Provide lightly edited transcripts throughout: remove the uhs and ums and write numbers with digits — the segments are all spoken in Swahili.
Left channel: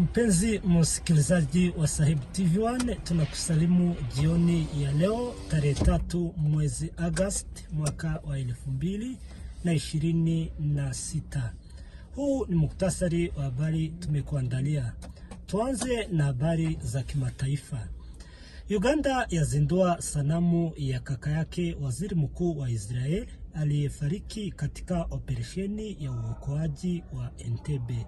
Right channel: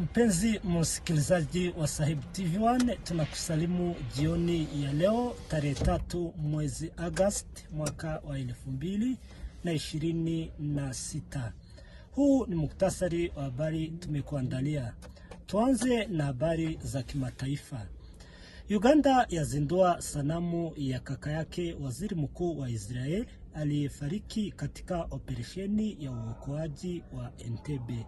Mpenzi msikilizaji wa Sahib TV1, tunakusalimu jioni ya leo tarehe 3 mwezi Agosti mwaka wa 2026. Huu ni muktasari wa habari tumekuandalia. Tuanze na habari za kimataifa. Uganda yazindua sanamu ya kaka yake waziri mkuu wa Israel aliyefariki katika operesheni ya uokoaji wa Entebbe.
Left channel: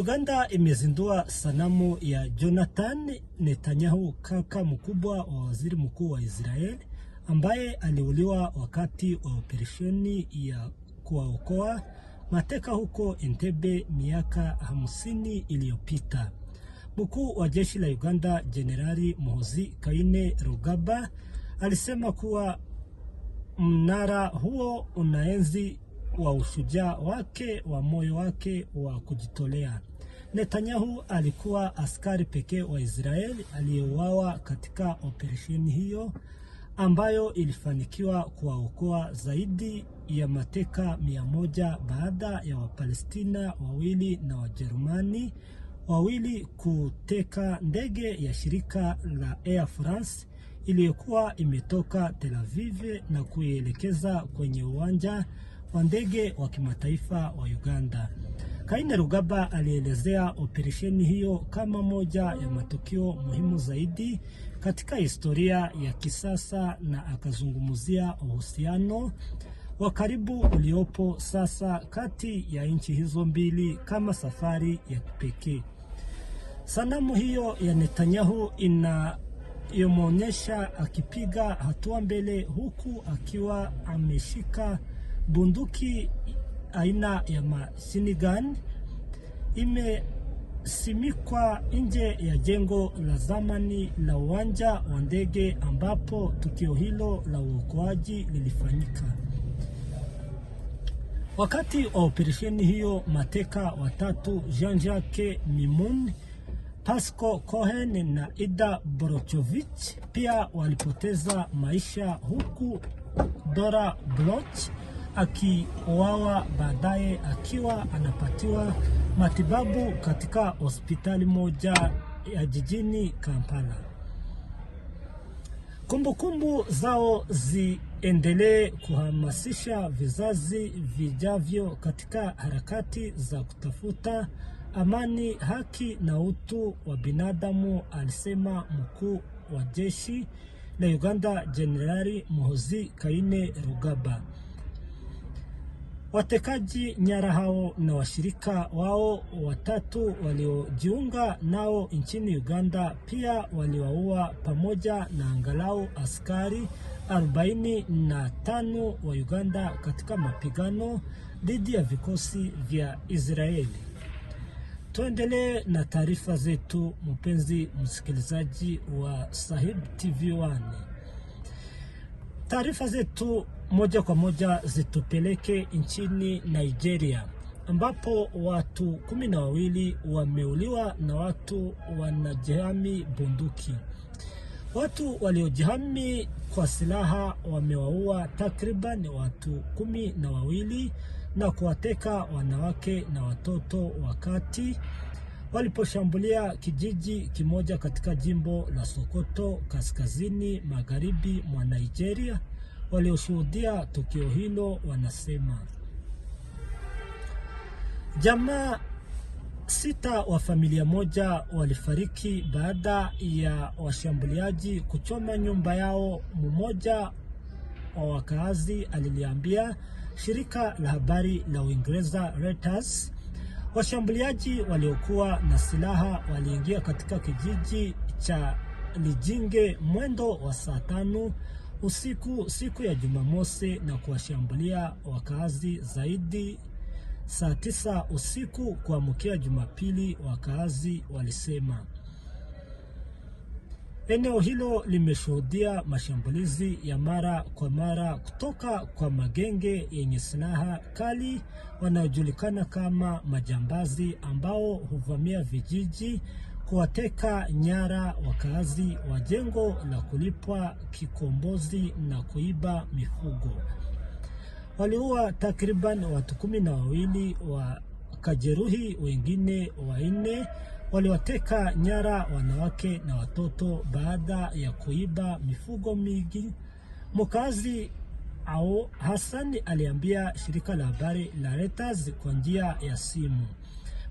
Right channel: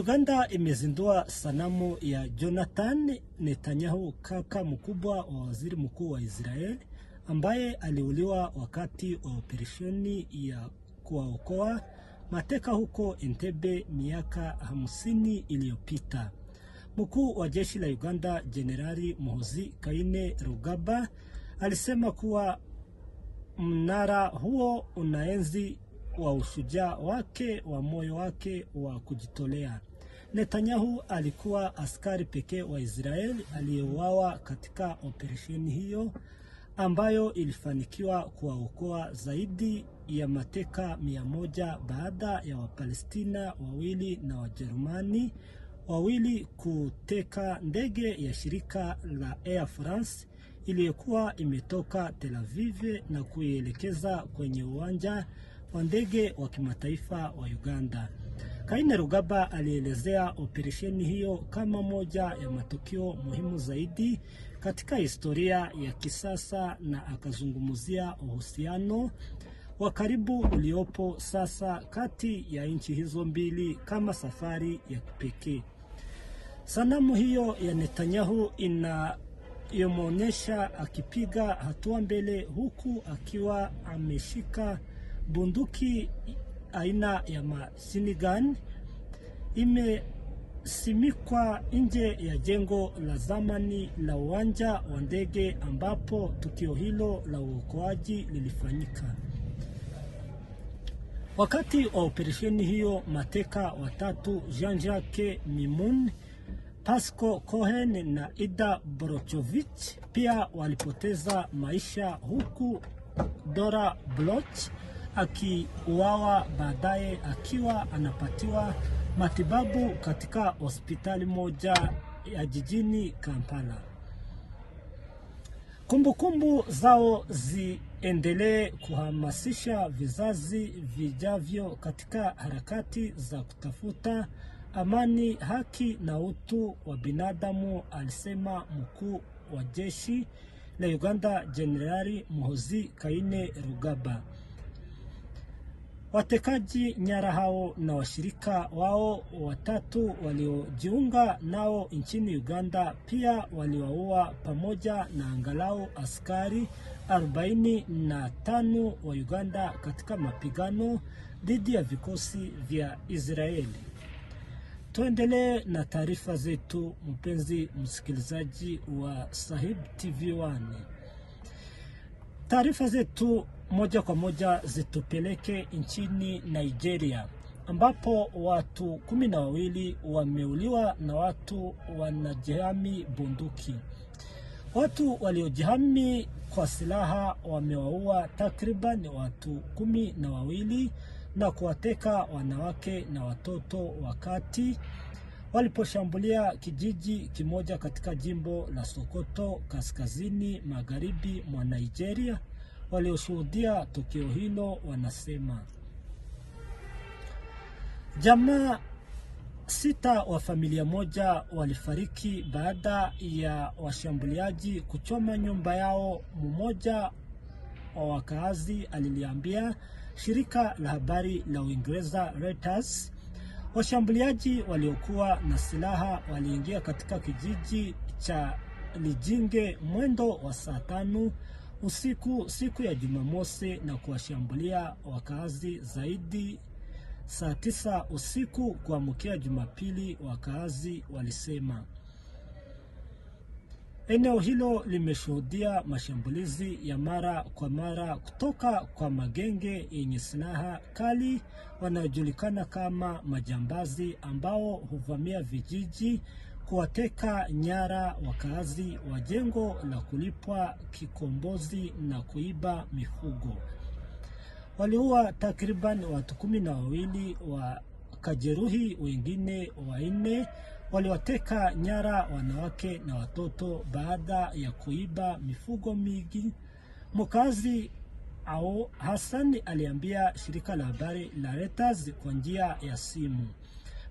Uganda imezindua sanamu ya Jonathan Netanyahu, kaka mkubwa wa waziri mkuu wa Israel ambaye aliuliwa wakati wa operesheni ya kuwaokoa mateka huko Entebbe miaka 50 iliyopita. Mkuu wa jeshi la Uganda Jenerali Muhoozi Kainerugaba alisema kuwa mnara huo unaenzi wa ushujaa wake wa moyo wake wa kujitolea. Netanyahu alikuwa askari pekee wa Israeli aliyeuawa katika operesheni hiyo ambayo ilifanikiwa kuwaokoa zaidi ya mateka 100 baada ya Wapalestina wawili na Wajerumani wawili kuteka ndege ya shirika la Air France iliyokuwa imetoka Tel Aviv na kuielekeza kwenye uwanja wa ndege wa kimataifa wa Uganda. Kainerugaba alielezea operesheni hiyo kama moja ya matukio muhimu zaidi katika historia ya kisasa na akazungumzia uhusiano wa karibu uliopo sasa kati ya nchi hizo mbili kama safari ya kipekee. Sanamu hiyo ya Netanyahu inayomuonesha akipiga hatua mbele huku akiwa ameshika bunduki aina ya machine gun imesimikwa nje ya jengo la zamani la uwanja wa ndege ambapo tukio hilo la uokoaji lilifanyika. Wakati wa operesheni hiyo, mateka watatu Jean-Jacques Mimoun, Pasco Cohen na Ida Borochovich pia walipoteza maisha, huku Dora Bloch akiuawa baadaye akiwa anapatiwa matibabu katika hospitali moja ya jijini Kampala. Kumbukumbu zao ziendelee kuhamasisha vizazi vijavyo katika harakati za kutafuta amani, haki na utu wa binadamu, alisema mkuu wa jeshi la Uganda Jenerali Muhoozi Kainerugaba. Watekaji nyara hao na washirika wao watatu waliojiunga nao nchini Uganda pia waliwaua pamoja na angalau askari 45 wa Uganda katika mapigano dhidi ya vikosi vya Israeli. Tuendelee na taarifa zetu, mpenzi msikilizaji wa Sahib TV1. Taarifa zetu moja kwa moja zitupeleke nchini Nigeria ambapo watu 12 wameuliwa na watu wanajihami bunduki. Watu waliojihami kwa silaha wamewaua takriban watu 12 na kuwateka wanawake na watoto wakati waliposhambulia kijiji kimoja katika jimbo la Sokoto kaskazini magharibi mwa Nigeria. Walioshuhudia tukio hilo wanasema jamaa 6 wa familia moja walifariki baada ya washambuliaji kuchoma nyumba yao, mmoja wa wakazi aliliambia shirika la habari la Uingereza Reuters. Washambuliaji waliokuwa na silaha waliingia katika kijiji cha Lijinge mwendo wa saa 5 usiku siku ya Jumamosi na kuwashambulia wakazi zaidi saa 9 usiku kuamkia Jumapili, wakazi walisema. Eneo hilo limeshuhudia mashambulizi ya mara kwa mara kutoka kwa magenge yenye silaha kali wanaojulikana kama majambazi ambao huvamia vijiji, kuwateka nyara wakazi wa jengo la kulipwa kikombozi na kuiba mifugo. Waliua takriban watu 12 wakajeruhi wengine 4 waliwateka nyara wanawake na watoto baada ya kuiba mifugo mingi. Mkazi au Hassan aliambia shirika la habari la Reuters kwa njia ya simu.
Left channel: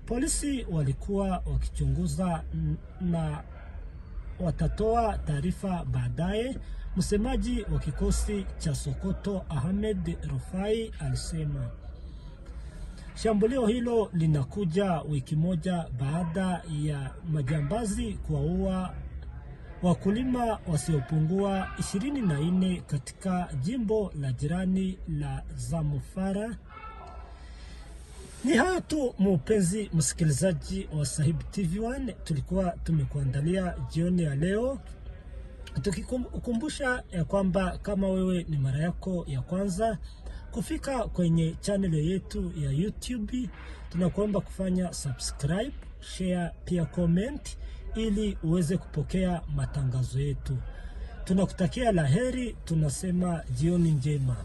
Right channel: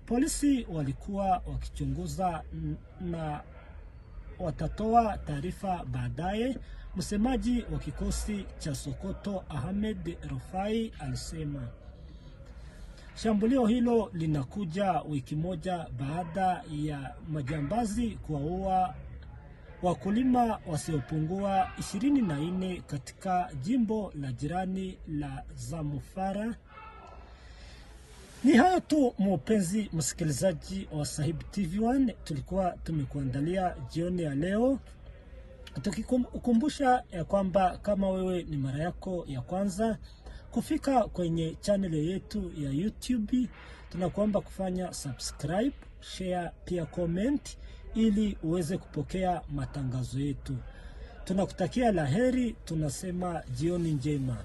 Polisi walikuwa wakichunguza na watatoa taarifa baadaye. Msemaji wa kikosi cha Sokoto Ahmed Rufai alisema. Shambulio hilo linakuja wiki moja baada ya majambazi kuwaua wakulima wasiopungua 24 katika jimbo la jirani la Zamfara. Ni hayo tu mpenzi msikilizaji wa Sahib TV1 tulikuwa tumekuandalia jioni ya leo, tukikumbusha ya kwamba kama wewe ni mara yako ya kwanza kufika kwenye channel yetu ya YouTube, tunakuomba kufanya subscribe, share, pia comment ili uweze kupokea matangazo yetu. Tunakutakia laheri, tunasema jioni njema.